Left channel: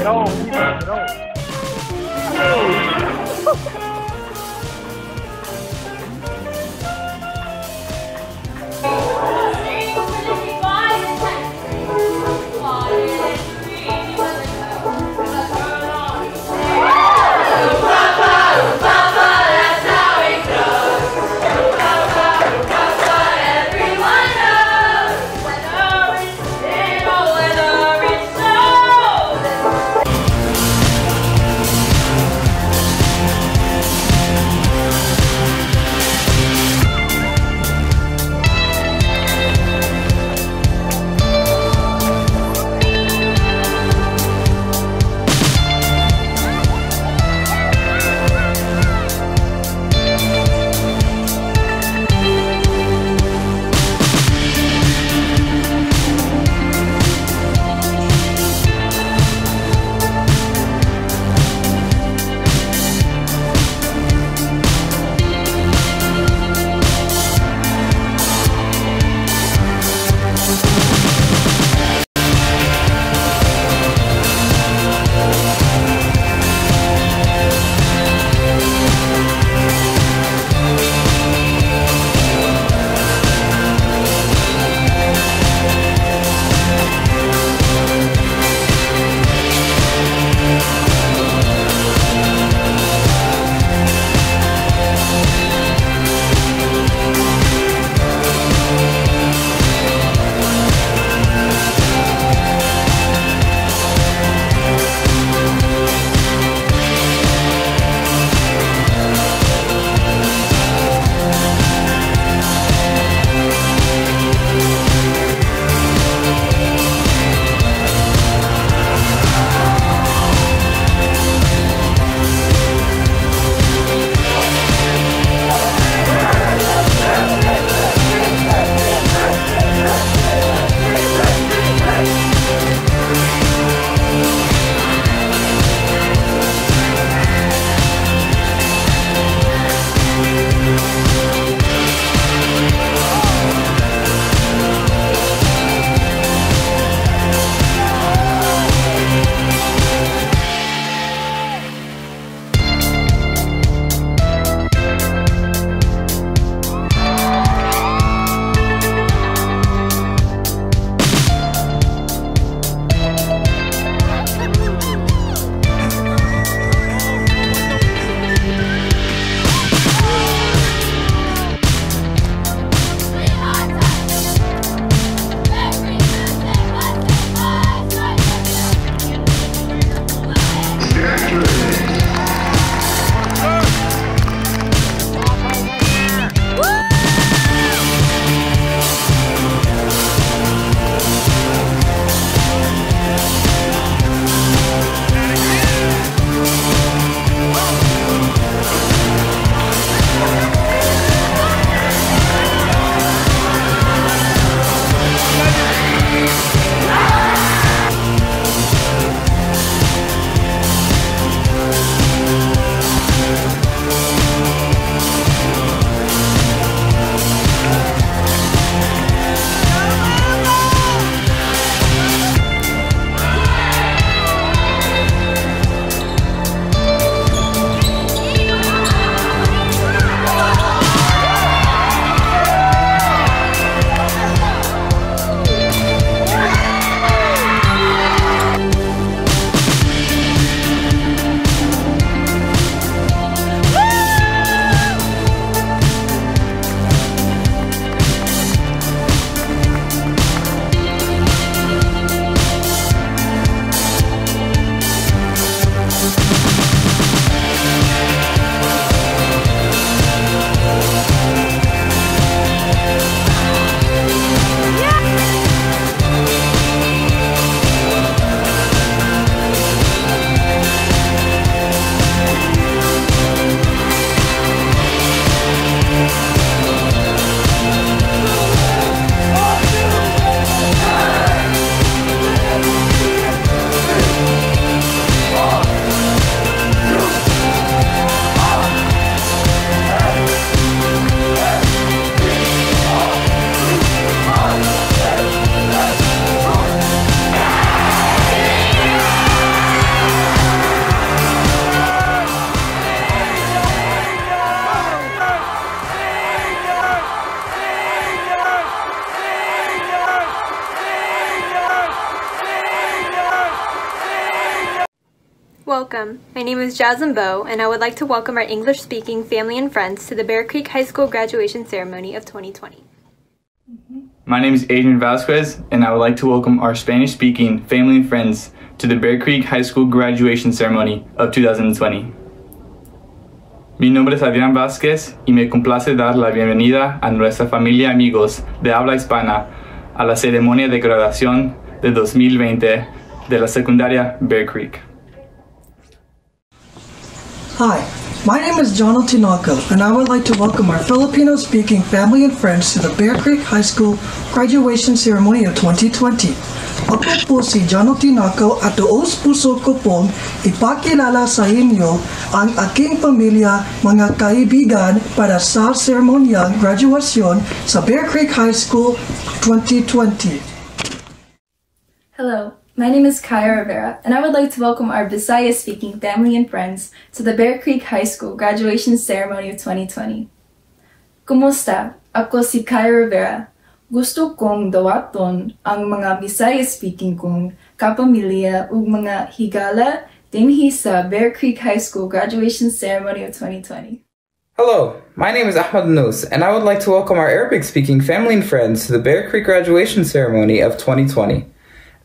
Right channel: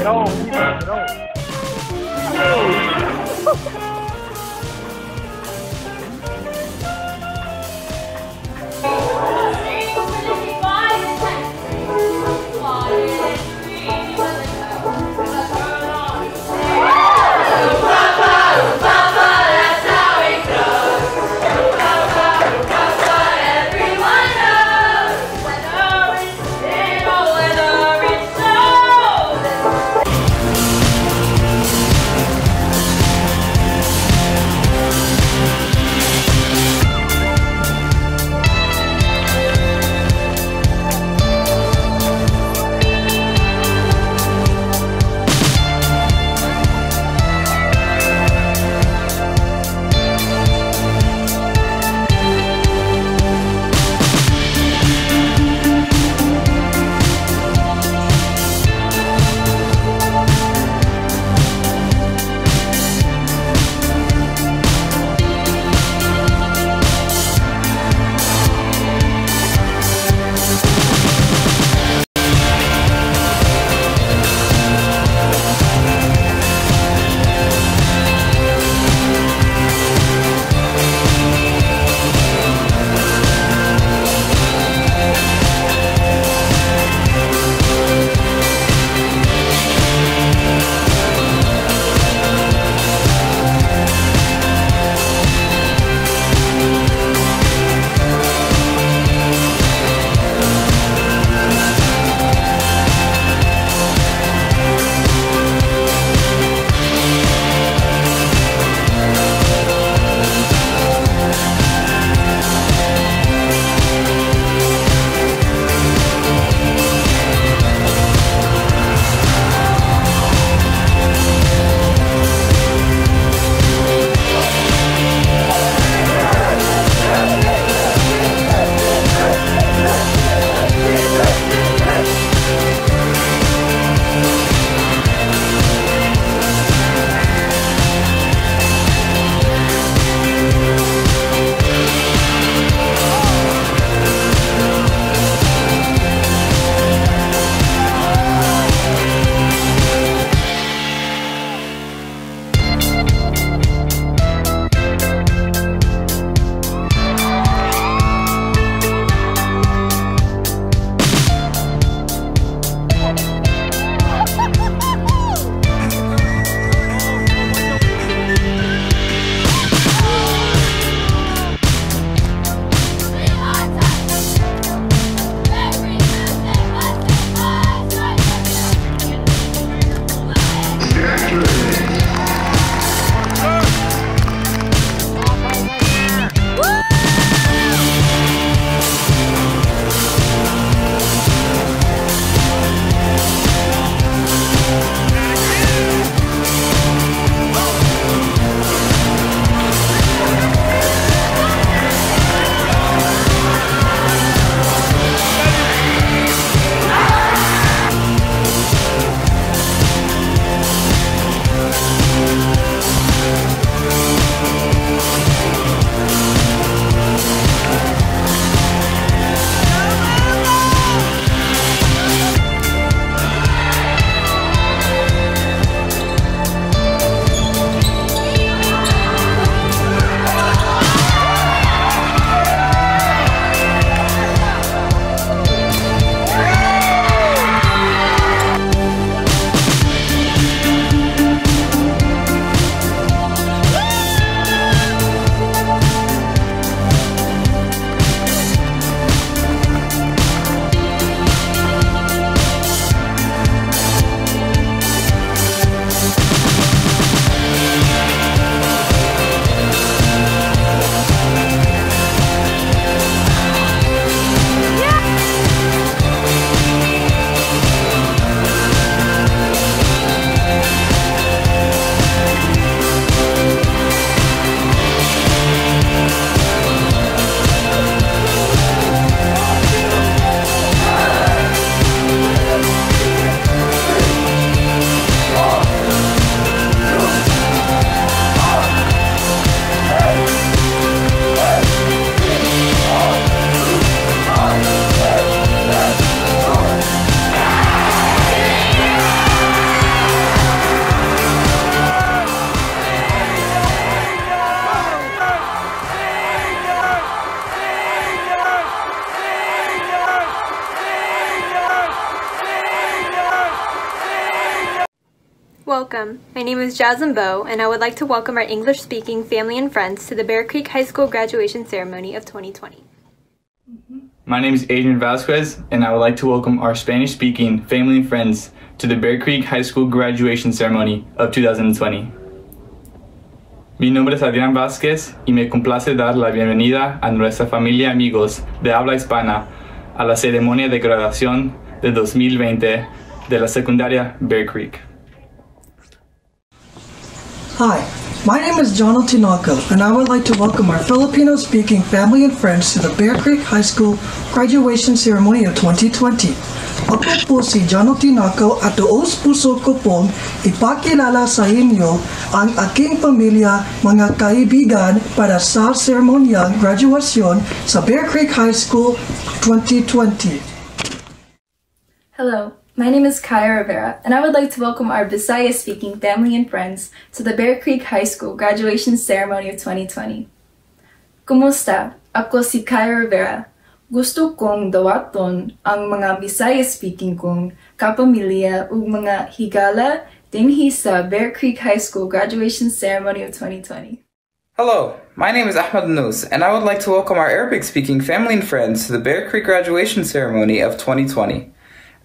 Get on, get on. Welcome. My name is Jasmine Bowe, and I would like to welcome our English-speaking family and friends to the Bear Creek High School graduation ceremony of 2020. My name is Adrian Vasquez, and I would like to welcome our Spanish-speaking family and friends to the Bear Creek High School graduation ceremony of 2020. Mi nombre es Adrián Vázquez y me complace dar la bienvenida a nuestra familia y amigos de habla hispana a la ceremonia de graduación de 2020 de la secundaria Bear Creek. Hi, my name is John Tinoco, and I would like to welcome our Filipino-speaking family and friends to the Bear Creek High School graduation ceremony of 2020. Ako po si John Tinoco at tuos puso ko pong ipakilala sa inyo ang aking pamilya, mga kaibigan para sa seremonyang graduasyon sa Bear Creek High School 2020. Hello. My name is Kaya Rivera, and I would like to welcome our Bisaya-speaking family and friends to the Bear Creek High School graduation ceremony of 2020. Kumusta? Ako si Kaya Rivera. Gusto kong dawaton ang mga Bisaya-speaking kong kapamilya ug mga higala dinhi sa Bear Creek High School graduation ceremony of 2020. Hello, my name is Ahmed Nous, and I would like to welcome our Arabic-speaking family and friends to the Bear Creek graduation ceremony of 2020.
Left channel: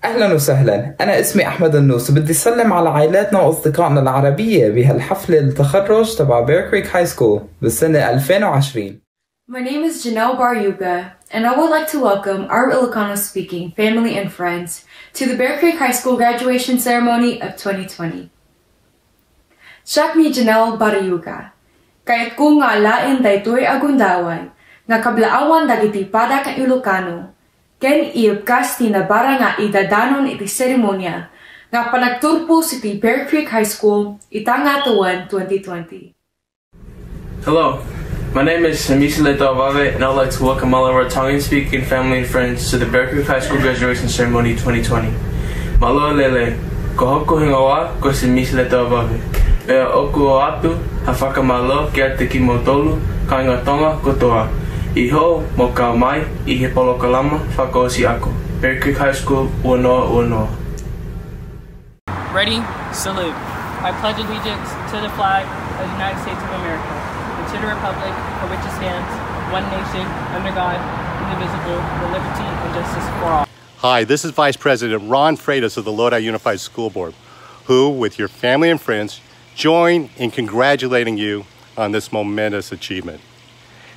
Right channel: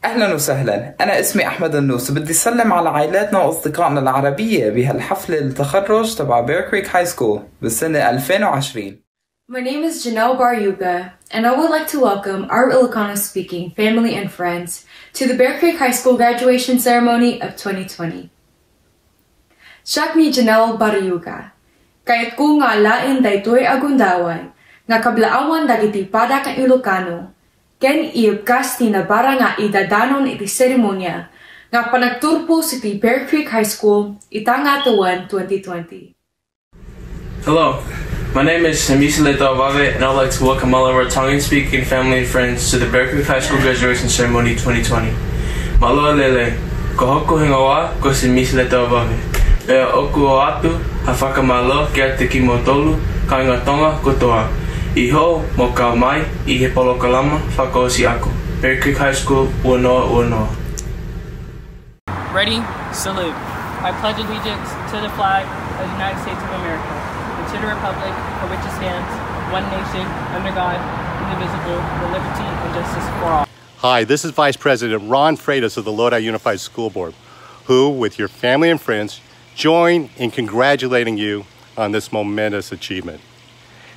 أهلا وسهلا، أنا اسمي أحمد النوس، بدي أسلم على عائلاتنا وأصدقائنا العربية بهالحفلة التخرج تبع بير كريك هاي سكول بالسنة 2020. My name is Janelle Baryuga, and I would like to welcome our Ilocano-speaking family and friends to the Bear Creek High School graduation ceremony of 2020. Siya ni Janelle Baryuga, kayat ko nga lain daytoy agundawan, nga kablaawan dagiti pada kang Ilocano, ken iubkas ti nabara nga idadanon iti seremonya nga panagturpo si Bear Creek High School itanga tuwan 2020. Hello, my name is Hamisi Leto Avave, and I'd like to welcome all of our Tongan-speaking family and friends to the Bear Creek High School graduation ceremony 2020. Malo lele, kohoko hingawa ko si Hamisi Leto Avave. Bea oku o atu, hafaka malo kia te kimotolu, kaingatonga kotoa. Iho mo ka mai I he polo kalama whako si ako. Bear Creek High School, uanoa uanoa. Ready? Salute. I pledge allegiance to the flag of the United States of America and to the republic for which it stands, one nation, under God, indivisible, with liberty and justice for all. Hi, this is Vice President Ron Freitas of the Lodi Unified School Board, who, with your family and friends, join in congratulating you on this momentous achievement.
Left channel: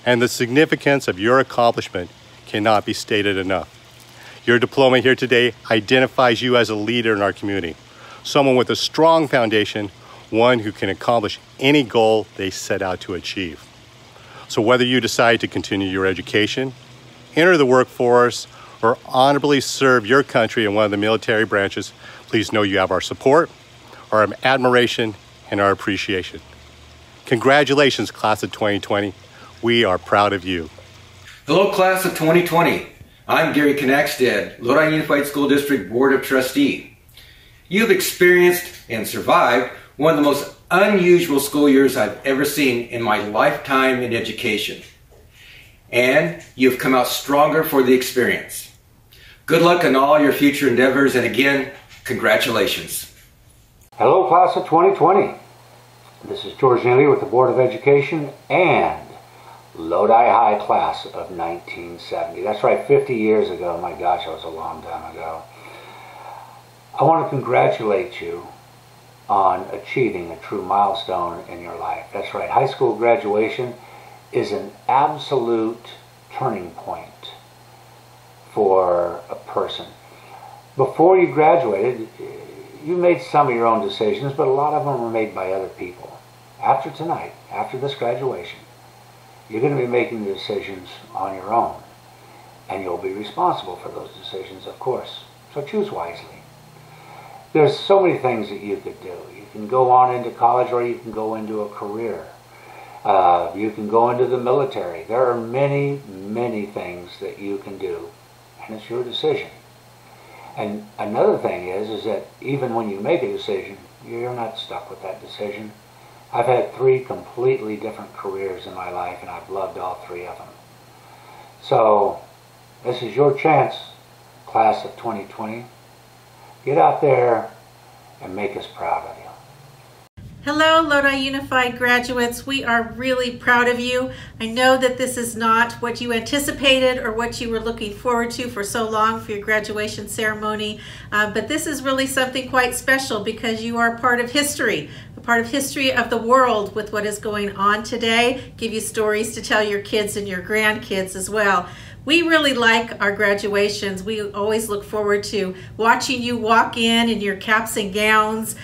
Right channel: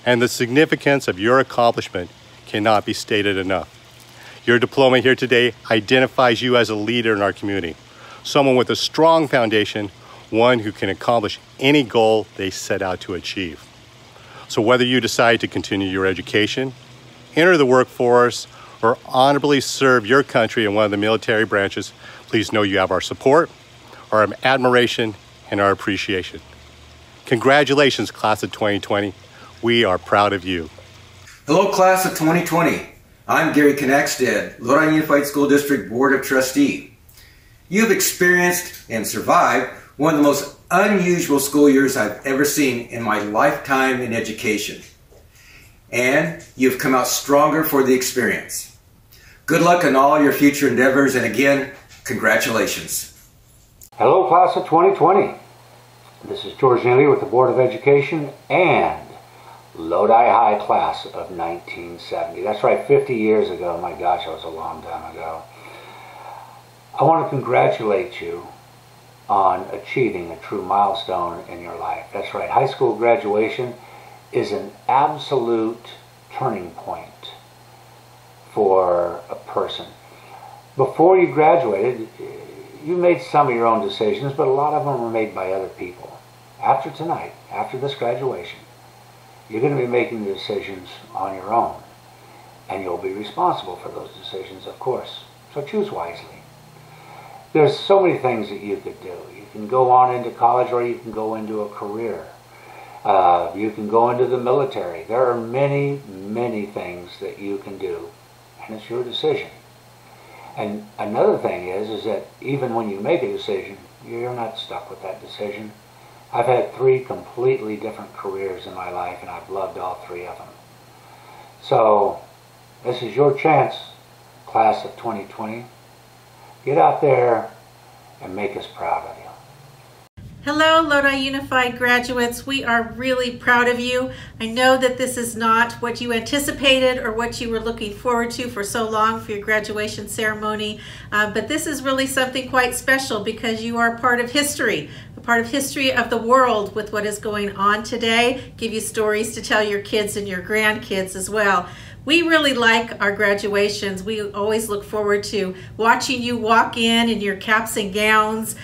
And the significance of your accomplishment cannot be stated enough. Your diploma here today identifies you as a leader in our community, someone with a strong foundation, one who can accomplish any goal they set out to achieve. So whether you decide to continue your education, enter the workforce, or honorably serve your country in one of the military branches, please know you have our support, our admiration, and our appreciation. Congratulations, class of 2020. We are proud of you. Hello, class of 2020. I'm Gary Knackstead, Lodi Unified School District Board of Trustee. You've experienced and survived one of the most unusual school years I've ever seen in my lifetime in education. And you've come out stronger for the experience. Good luck in all your future endeavors, and again, congratulations. Hello, class of 2020. This is George Neely with the Board of Education and Lodi High class of 1970. That's right, 50 years ago. My gosh, that was a long time ago. I want to congratulate you on achieving a true milestone in your life. That's right, high school graduation is an absolute turning point for a person. Before you graduated, you made some of your own decisions, but a lot of them were made by other people. After tonight, after this graduation, you're going to be making the decisions on your own, and you'll be responsible for those decisions, of course. So choose wisely. There's so many things that you could do. You can go on into college, or you can go into a career. You can go into the military. There are many, many things that you can do, and it's your decision. And another thing is that even when you make a decision, you're not stuck with that decision. I've had 3 completely different careers in my life, and I've loved all 3 of them. So this is your chance, class of 2020. Get out there and make us proud of you. Hello, Lodi Unified graduates. We are really proud of you. I know that this is not what you anticipated or what you were looking forward to for so long for your graduation ceremony, but this is really something quite special because you are part of history, a part of history of the world with what is going on today. Give you stories to tell your kids and your grandkids as well. We really like our graduations. We always look forward to watching you walk in your caps and gowns,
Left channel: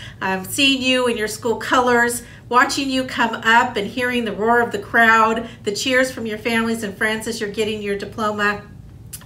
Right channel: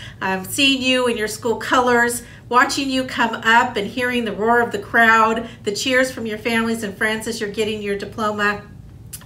seeing you in your school colors, watching you come up and hearing the roar of the crowd, the cheers from your families and friends as you're getting your diploma.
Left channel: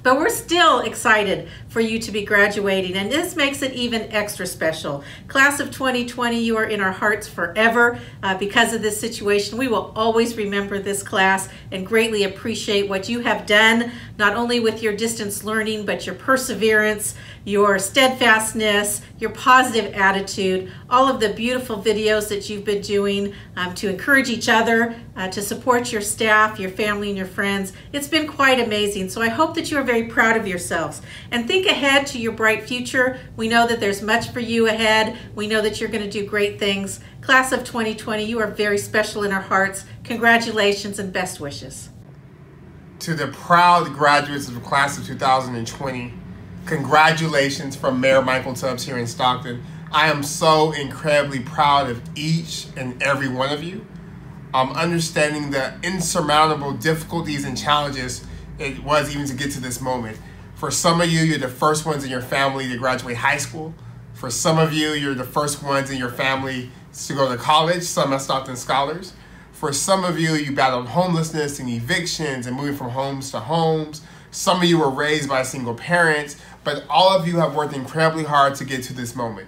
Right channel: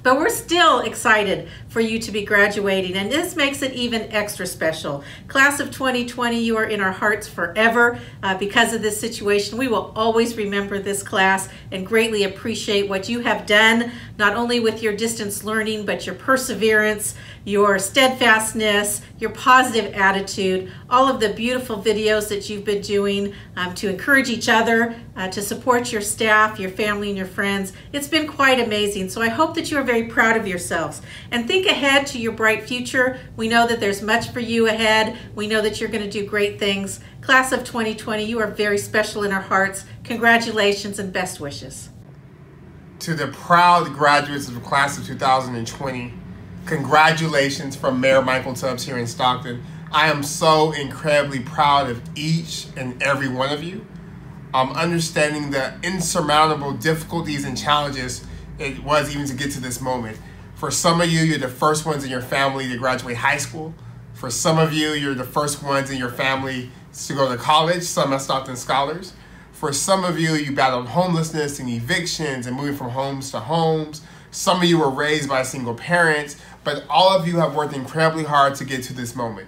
But we're still excited for you to be graduating, and this makes it even extra special. Class of 2020, you are in our hearts forever because of this situation. We will always remember this class and greatly appreciate what you have done, not only with your distance learning, but your perseverance, your steadfastness, your positive attitude, all of the beautiful videos that you've been doing to encourage each other, to support your staff, your family, and your friends. It's been quite amazing. So I hope that you are very proud of yourselves. And think ahead to your bright future. We know that there's much for you ahead. We know that you're going to do great things. Class of 2020, you are very special in our hearts. Congratulations and best wishes. To the proud graduates of the class of 2020, congratulations from Mayor Michael Tubbs here in Stockton. I am so incredibly proud of each and every one of you. Understanding the insurmountable difficulties and challenges it was even to get to this moment. For some of you, you're the first ones in your family to graduate high school. For some of you, you're the first ones in your family to go to college, some are Stockton scholars. For some of you, you battled homelessness and evictions and moving from homes to homes. Some of you were raised by single parents, but all of you have worked incredibly hard to get to this moment.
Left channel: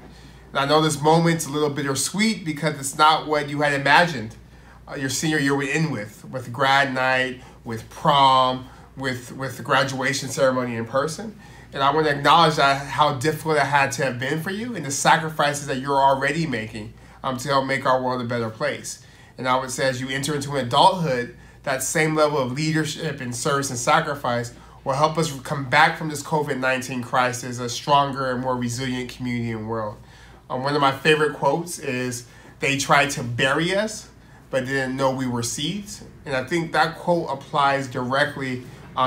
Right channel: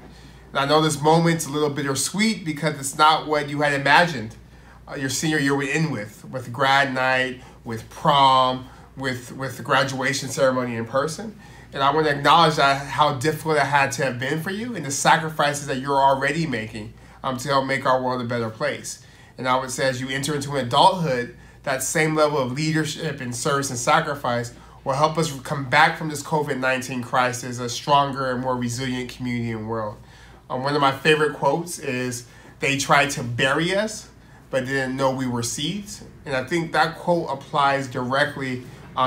And I know this moment's a little bittersweet because it's not what you had imagined your senior year would end with grad night, with prom, with the graduation ceremony in person. And I want to acknowledge how difficult it had to have been for you and the sacrifices that you're already making to help make our world a better place. And I would say as you enter into adulthood, that same level of leadership and service and sacrifice will help us come back from this COVID-19 crisis a stronger and more resilient community and world. One of my favorite quotes is, "They tried to bury us, but didn't know we were seeds." And I think that quote applies directly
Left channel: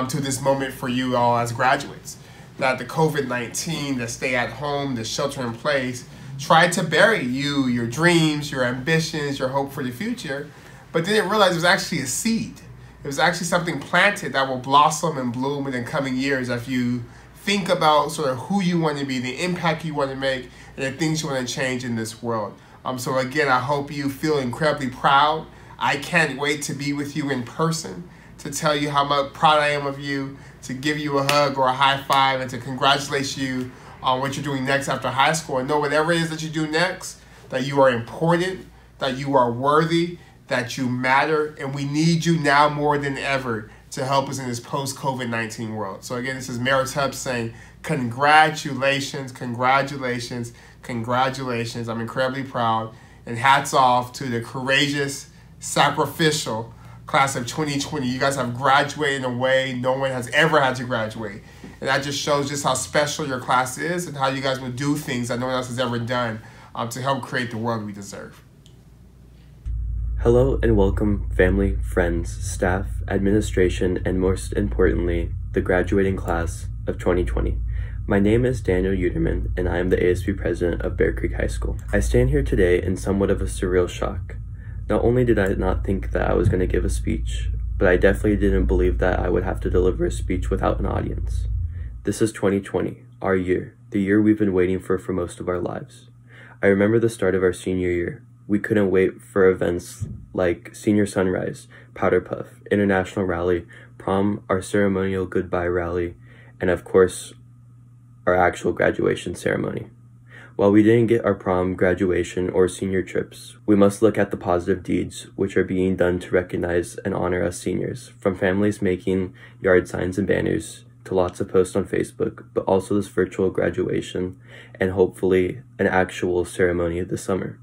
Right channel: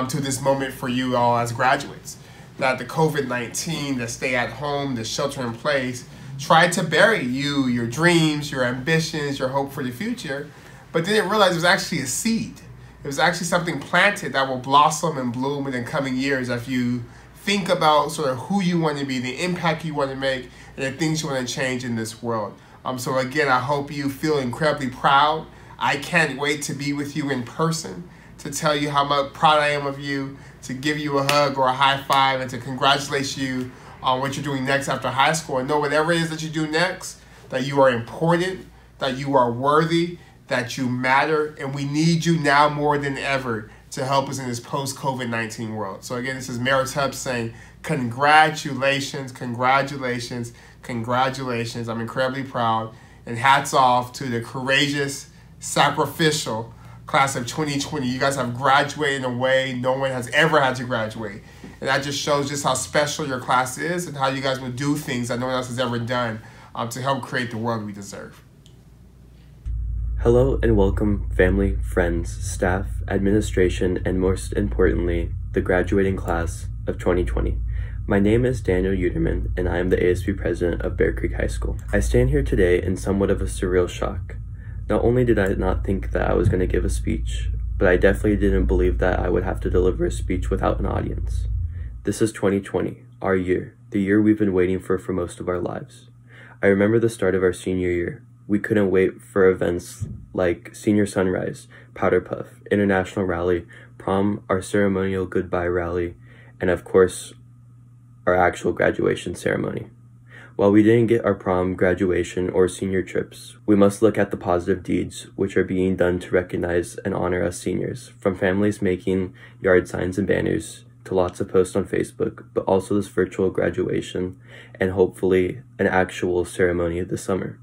to this moment for you all as graduates. That the COVID-19, the stay at home, the shelter in place, tried to bury you, your dreams, your ambitions, your hope for the future, but didn't realize it was actually a seed. It was actually something planted that will blossom and bloom in the coming years if you think about sort of who you want to be, the impact you want to make, and the things you want to change in this world. So again, I hope you feel incredibly proud. I can't wait to be with you in person, to tell you how much proud I am of you, to give you a hug or a high five, and to congratulate you on what you're doing next after high school. And know whatever it is that you do next, that you are important, that you are worthy, that you matter, and we need you now more than ever to help us in this post-COVID-19 world. So again, this is Mayor Tubbs saying congratulations, congratulations, congratulations. I'm incredibly proud, and hats off to the courageous, sacrificial class of 2020. You guys have graduated in a way no one has ever had to graduate. And that just shows just how special your class is and how you guys will do things that no one else has ever done to help create the world we deserve. Hello and welcome family, friends, staff, administration, and most importantly, the graduating class of 2020. My name is Daniel Uterman, and I am the ASB president of Bear Creek High School. I stand here today in somewhat of a surreal shock. Not only did I not think that I was going to give a speech, but I definitely didn't believe that I would have to deliver a speech without an audience. This is 2020, our year, the year we've been waiting for most of our lives. I remember the start of our senior year. We couldn't wait for events like Senior Sunrise, Powder Puff, International Rally, Prom, our ceremonial goodbye rally, and of course, our actual graduation ceremony. While we didn't get our prom, graduation, or senior trips, we must look at the positive deeds which are being done to recognize and honor us seniors, from families making yard signs and banners to lots of posts on Facebook, but also this virtual graduation and hopefully an actual ceremony this summer.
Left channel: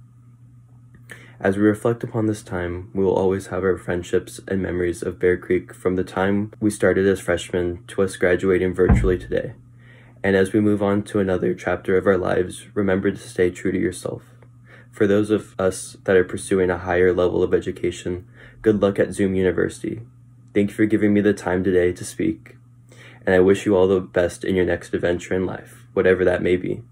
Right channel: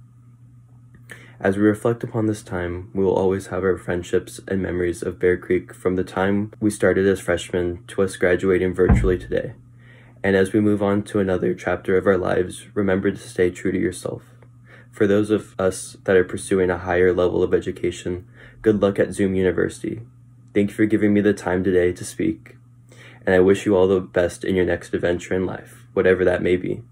As we reflect upon this time, we will always have our friendships and memories of Bear Creek from the time we started as freshmen to us graduating virtually today. And as we move on to another chapter of our lives, remember to stay true to yourself. For those of us that are pursuing a higher level of education, good luck at Zoom University. Thank you for giving me the time today to speak, and I wish you all the best in your next adventure in life, whatever that may be.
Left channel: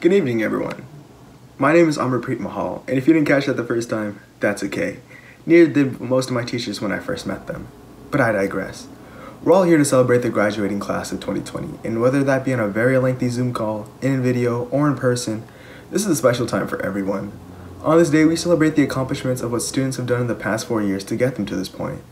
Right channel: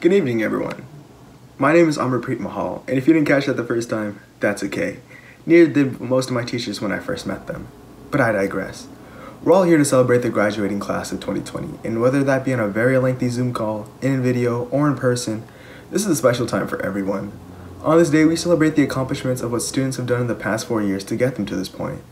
Good evening, everyone. My name is Amarpreet Mahal, and if you didn't catch that the first time, that's okay. Neither did most of my teachers when I first met them. But I digress. We're all here to celebrate the graduating class of 2020, and whether that be on a very lengthy Zoom call, in video, or in person, this is a special time for everyone. On this day, we celebrate the accomplishments of what students have done in the past 4 years to get them to this point.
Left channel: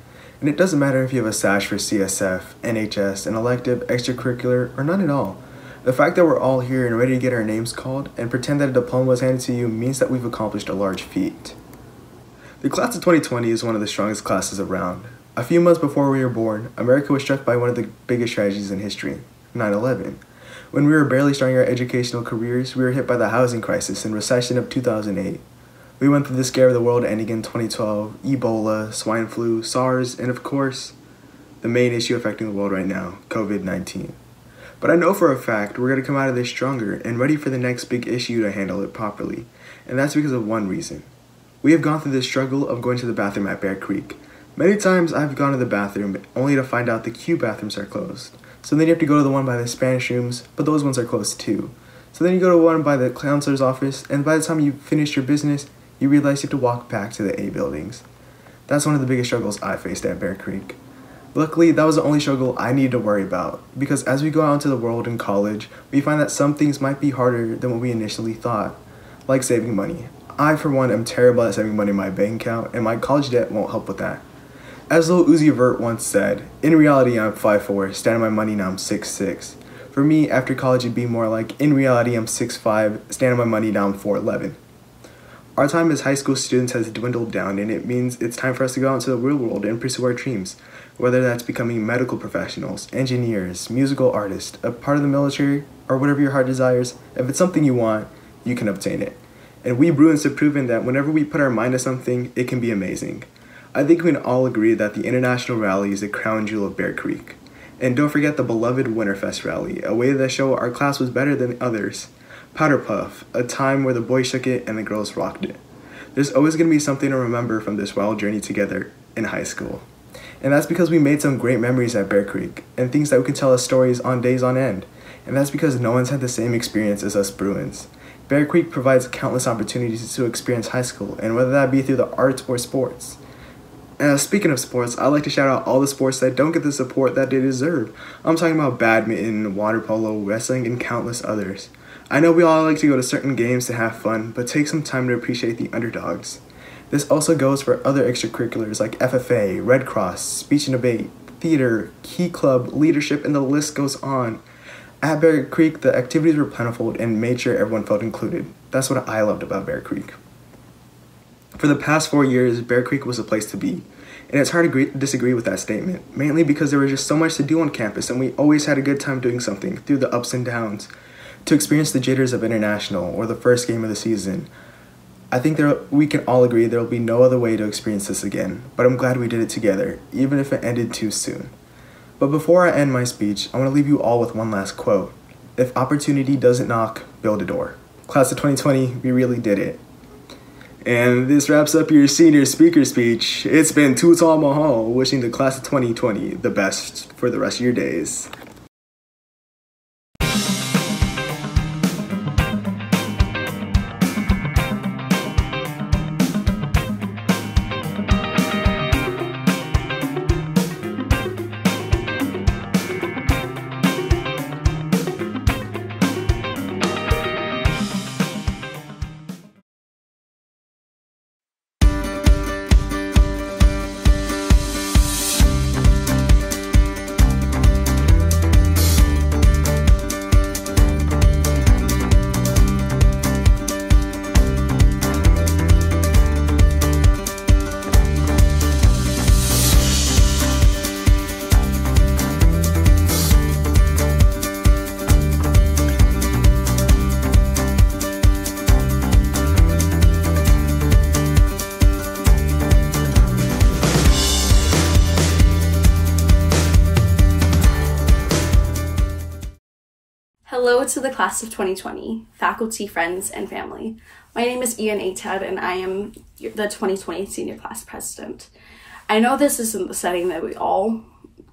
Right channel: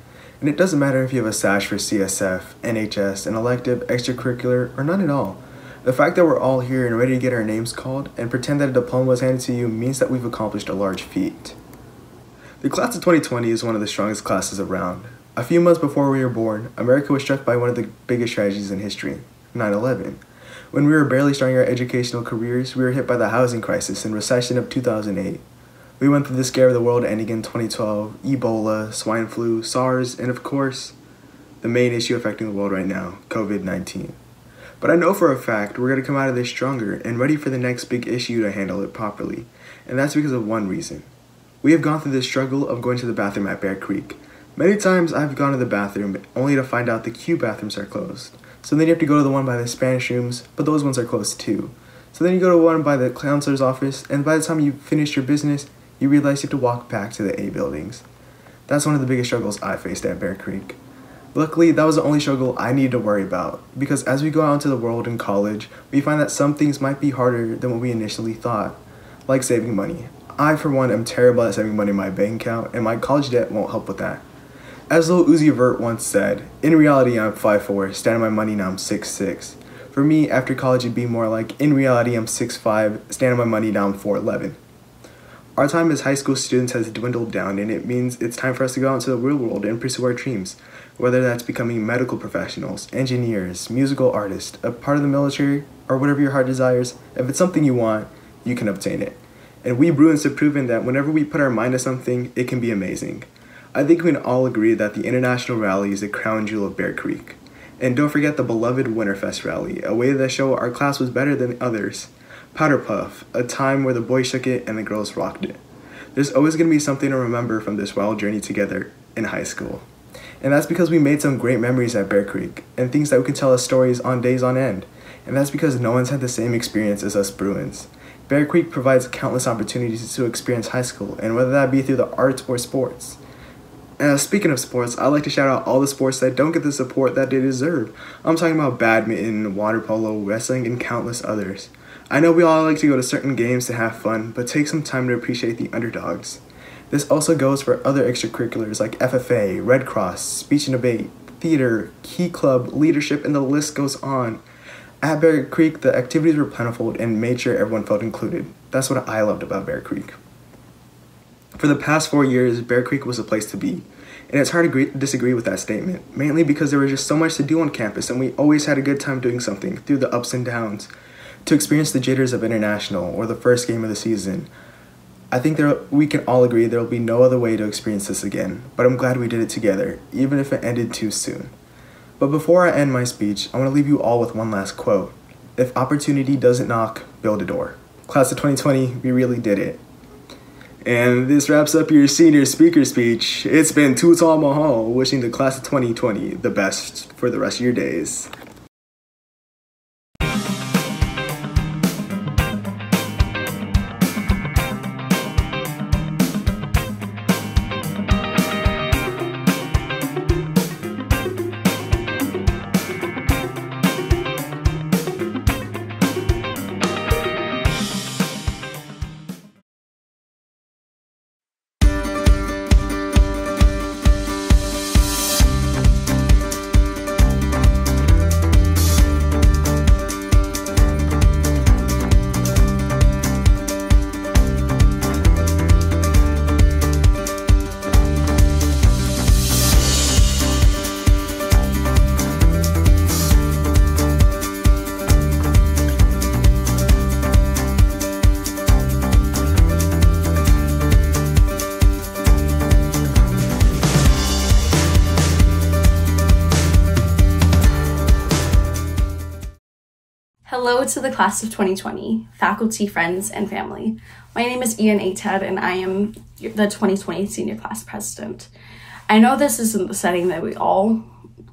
And it doesn't matter if you have a SASH for CSF, NHS, an elective, extracurricular, or none at all. The fact that we're all here and ready to get our names called and pretend that a diploma was handed to you means that we've accomplished a large feat. The class of 2020 is one of the strongest classes around. A few months before we were born, America was struck by one of the biggest tragedies in history, 9/11. When we were barely starting our educational careers, we were hit by the housing crisis and recession of 2008. We went through the scare of the world ending in 2012, Ebola, swine flu, SARS, and of course, the main issue affecting the world right now, COVID-19. But I know for a fact we're going to come out of this stronger and ready for the next big issue to handle it properly, and that's because of one reason. We have gone through the struggle of going to the bathroom at Bear Creek. Many times I've gone to the bathroom only to find out the Q bathrooms are closed. So then you have to go to the one by the Spanish rooms, but those ones are closed too. So then you go to one by the counselor's office, and by the time you finish your business, you realize you have to walk back to the A buildings. That's one of the biggest struggles I faced at Bear Creek. Luckily, that was the only struggle I needed to worry about, because as we go out into the world in college, we find that some things might be harder than what we initially thought, like saving money. I, for one, am terrible at saving money in my bank account, and my college debt won't help with that. As Lil Uzi Vert once said, in reality I'm 5'4", standing my money now I'm 6'6". For me, after college it'd be more like, in reality I'm 6'5", standing my money now I'm 4'11". Our time as high school students has dwindled down, and it means it's time for us to go out into the real world and pursue our dreams. Whether that's becoming medical professionals, engineers, musical artists, a part of the military, or whatever your heart desires, if it's something you want, you can obtain it. And we Bruins have proven that whenever we put our mind to something, it can be amazing. I think we can all agree that the International Rally is the crown jewel of Bear Creek. And don't forget the beloved Winterfest Rally, a way to show our class was better than others. Powder Puff, a time where the boys shook it and the girls rocked it. There's always going to be something to remember from this wild journey together in high school. And that's because we made some great memories at Bear Creek, and things that we could tell us stories on days on end. And that's because no one's had the same experience as us Bruins. Bear Creek provides countless opportunities to experience high school, and whether that be through the arts or sports. Speaking of sports, I'd like to shout out all the sports that don't get the support that they deserve. I'm talking about badminton, water polo, wrestling, and countless others. I know we all like to go to certain games to have fun, but take some time to appreciate the underdogs. This also goes for other extracurriculars like FFA, Red Cross, speech and debate, theater, Key Club, leadership, and the list goes on. At Bear Creek, the activities were plentiful and made sure everyone felt included. That's what I loved about Bear Creek. For the past 4 years, Bear Creek was a place to be. And it's hard to disagree with that statement, mainly because there was just so much to do on campus and we always had a good time doing something through the ups and downs. To experience the jitters of international or the first game of the season, I think we can all agree there will be no other way to experience this again, but I'm glad we did it together, even if it ended too soon. But before I end my speech, I want to leave you all with one last quote. If opportunity doesn't knock, build a door. Class of 2020, we really did it. And this wraps up your senior speaker speech. It's been Tutal Mahal wishing the class of 2020 the best for the rest of your days. Hello to the class of 2020, faculty, friends, and family. My name is Ian Atad, and I am the 2020 senior class president. I know this isn't the setting that we all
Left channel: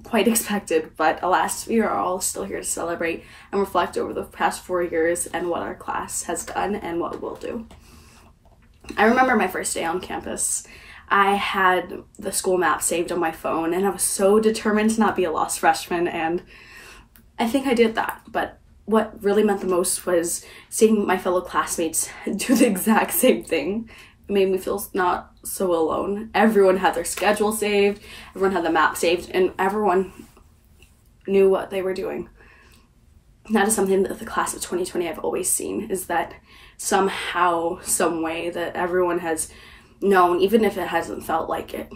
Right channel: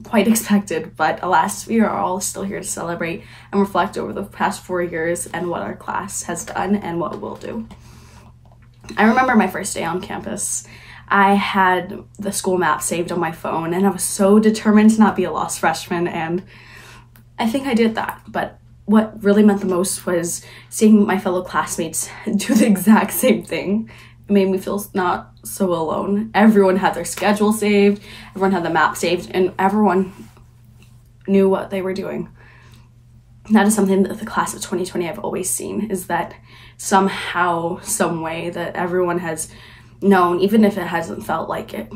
quite expected, but alas, we are all still here to celebrate and reflect over the past 4 years and what our class has done and what we'll do. I remember my first day on campus. I had the school map saved on my phone, and I was so determined to not be a lost freshman, and I think I did that, but what really meant the most was seeing my fellow classmates do the exact same thing. It made me feel not so alone. Everyone had their schedule saved, everyone had the map saved, and everyone knew what they were doing. That is something that the class of 2020 I've always seen, is that somehow, some way that everyone has known, even if it hasn't felt like it,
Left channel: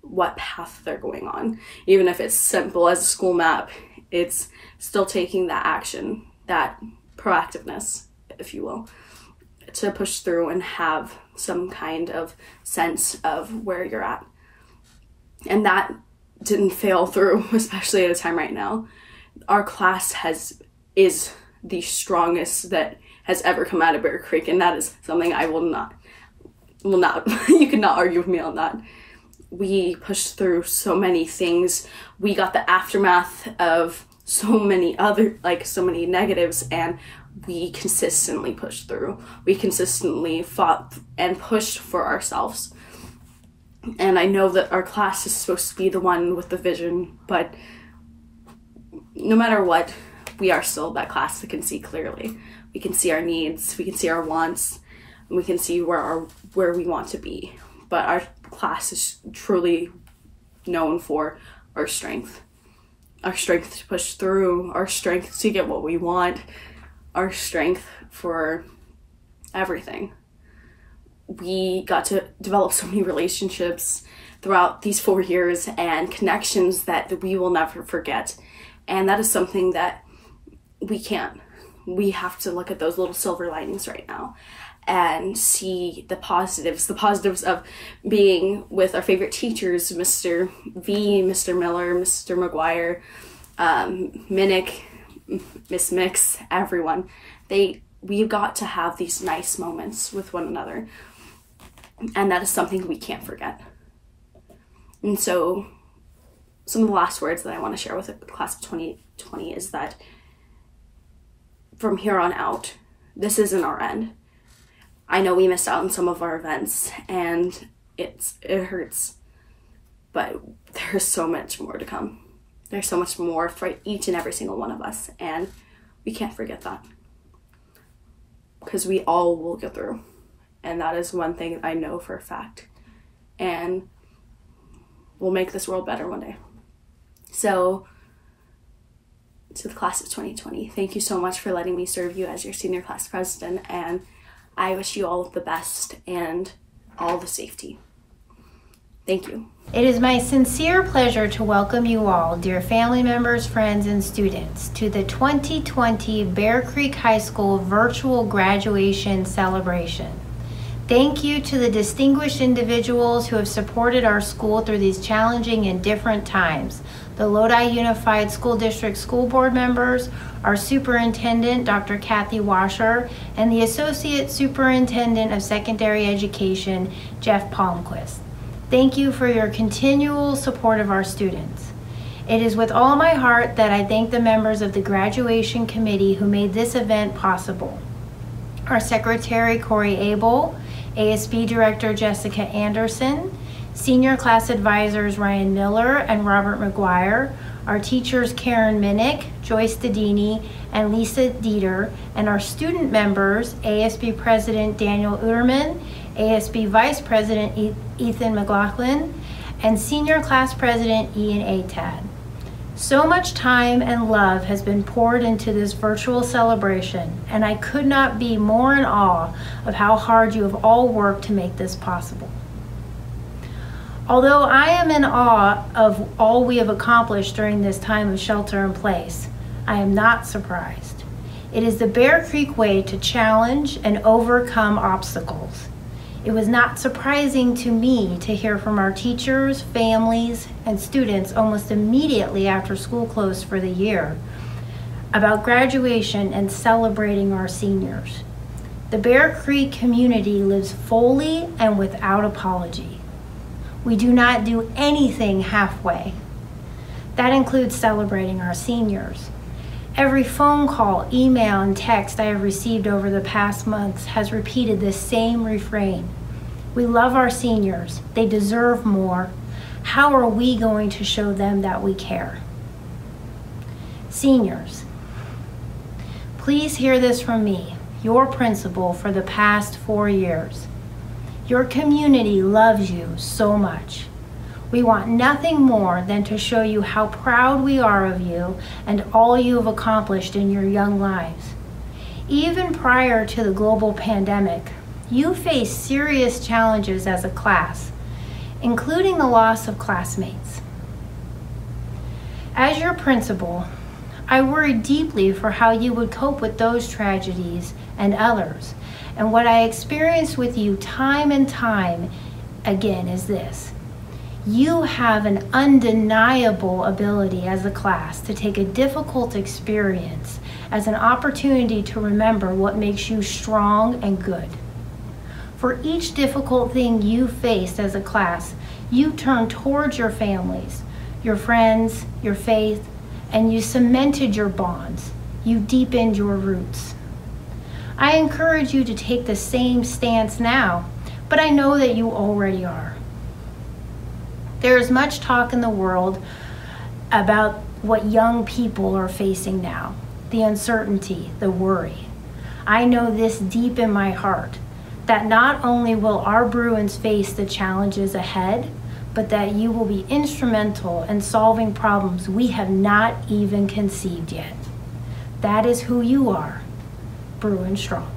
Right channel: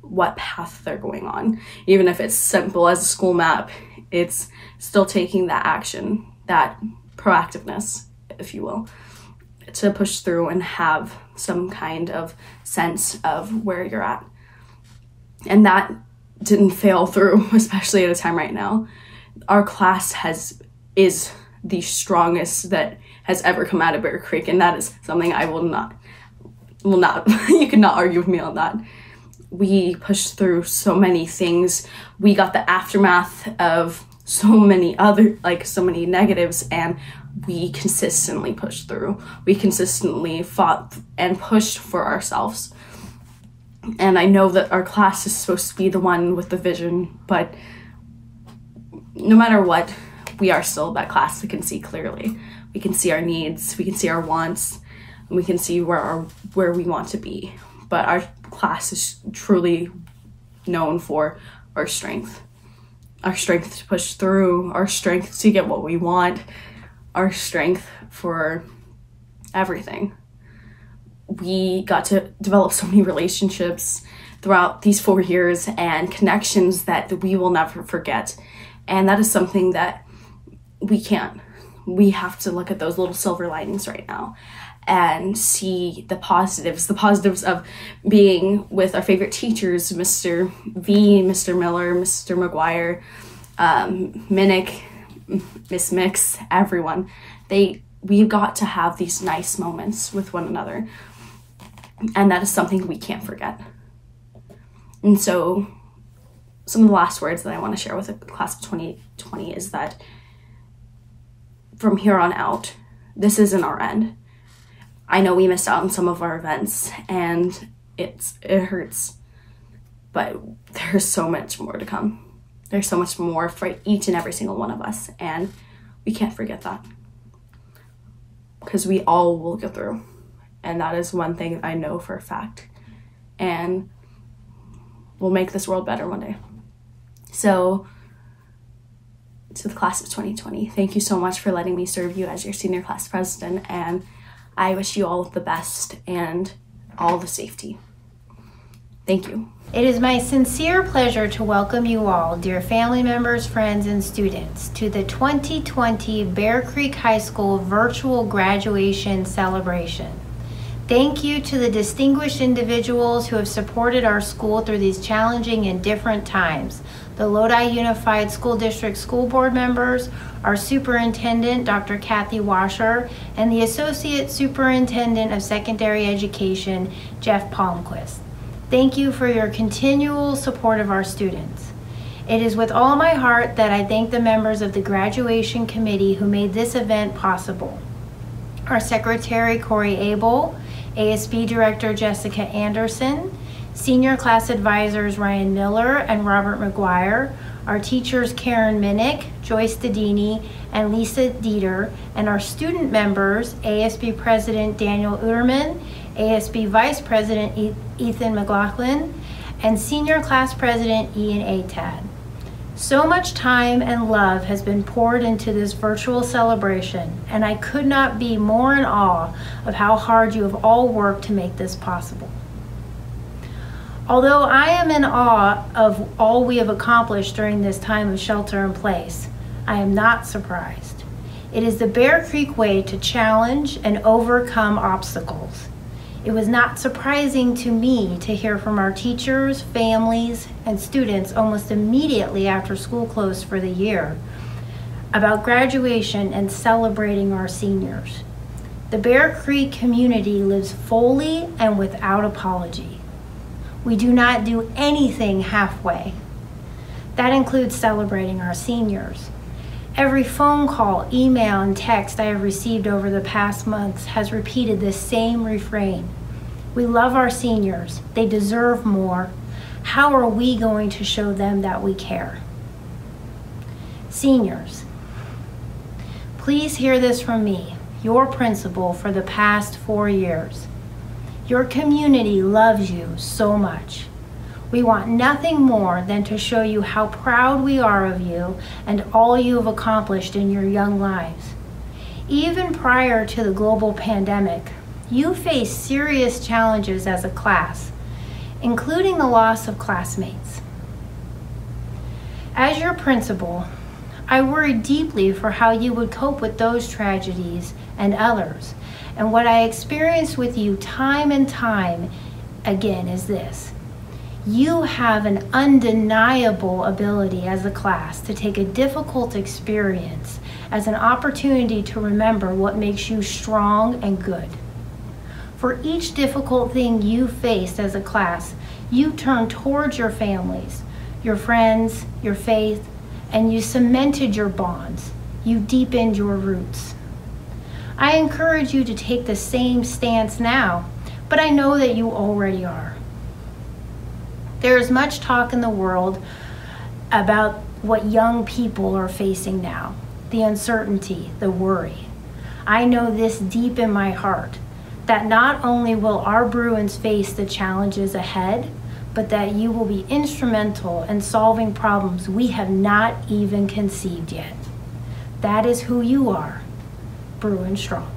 what path they're going on. Even if it's simple as a school map, it's still taking that action, that proactiveness, if you will, to push through and have some kind of sense of where you're at. And that didn't fail through, especially at a time right now. Our class is the strongest that has ever come out of Bear Creek, and that is something I will not, you cannot argue with me on that. We pushed through so many things. We got the aftermath of so many negatives, and we consistently pushed through. We consistently fought and pushed for ourselves. And I know that our class is supposed to be the one with the vision, but no matter what, we are still that class that can see clearly. We can see our needs, we can see our wants, and we can see where we want to be. But our class is truly known for our strength. Our strength to push through, our strength to get what we want, our strength for everything. We got to develop so many relationships throughout these 4 years and connections that we will never forget. And that is something that we can't. We have to look at those little silver linings right now and see the positives of being with our favorite teachers, Mr. V, Mr. Miller, Mr. McGuire, Minnick, Miss Mix, everyone. They we've got to have these nice moments with one another. And that is something we can't forget. And so some of the last words that I want to share with the class of 2020 is that from here on out, this isn't our end. I know we missed out on some of our events and it hurts, but there's so much more to come. There's so much more for each and every single one of us, and we can't forget that, because we all will go through, and that is one thing I know for a fact, and we'll make this world better one day. So to the class of 2020, thank you so much for letting me serve you as your senior class president, and I wish you all the best and all the safety. Thank you. It is my sincere pleasure to welcome you all, dear family members, friends, and students, to the 2020 Bear Creek High School virtual graduation celebration. Thank you to the distinguished individuals who have supported our school through these challenging and different times. The Lodi Unified School District School Board members, our Superintendent, Dr. Kathy Washer, and the Associate Superintendent of Secondary Education, Jeff Palmquist. Thank you for your continual support of our students. It is with all my heart that I thank the members of the graduation committee who made this event possible. Our Secretary, Corey Abel, ASB Director, Jessica Anderson, Senior Class Advisors, Ryan Miller and Robert McGuire, our teachers, Karen Minnick, Joyce Dedini, and Lisa Dieter, and our student members, ASB President Daniel Uterman, ASB Vice President Ethan McLaughlin, and Senior Class President Ian Atad. So much time and love has been poured into this virtual celebration, and I could not be more in awe of how hard you have all worked to make this possible. Although I am in awe of all we have accomplished during this time of shelter in place, I am not surprised. It is the Bear Creek way to challenge and overcome obstacles. It was not surprising to me to hear from our teachers, families, and students almost immediately after school closed for the year about graduation and celebrating our seniors. The Bear Creek community lives fully and without apology. We do not do anything halfway. That includes celebrating our seniors. Every phone call, email, and text I have received over the past months has repeated this same refrain. We love our seniors. They deserve more. How are we going to show them that we care? Seniors, please hear this from me, your principal for the past 4 years. Your community loves you so much. We want nothing more than to show you how proud we are of you and all you have accomplished in your young lives. Even prior to the global pandemic, you faced serious challenges as a class, including the loss of classmates. As your principal, I worried deeply for how you would cope with those tragedies and others. And what I experienced with you time and time again is this. You have an undeniable ability as a class to take a difficult experience as an opportunity to remember what makes you strong and good. For each difficult thing you faced as a class, you turned towards your families, your friends, your faith, and you cemented your bonds. You deepened your roots. I encourage you to take the same stance now, but I know that you already are. There is much talk in the world about what young people are facing now, the uncertainty, the worry. I know this deep in my heart, that not only will our Bruins face the challenges ahead, but that you will be instrumental in solving problems we have not even conceived yet. That is who you are, Bruin Strong.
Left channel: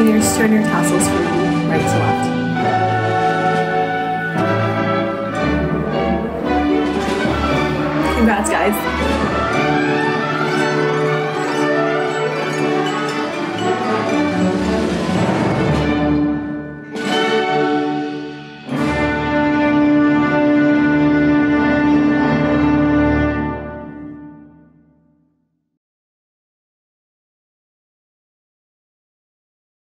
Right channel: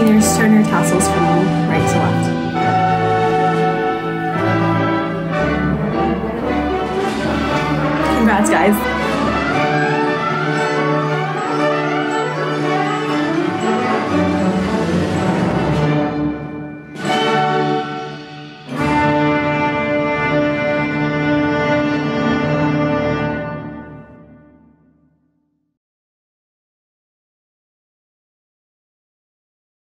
seniors, turn your tassels from right to left. Congrats, guys.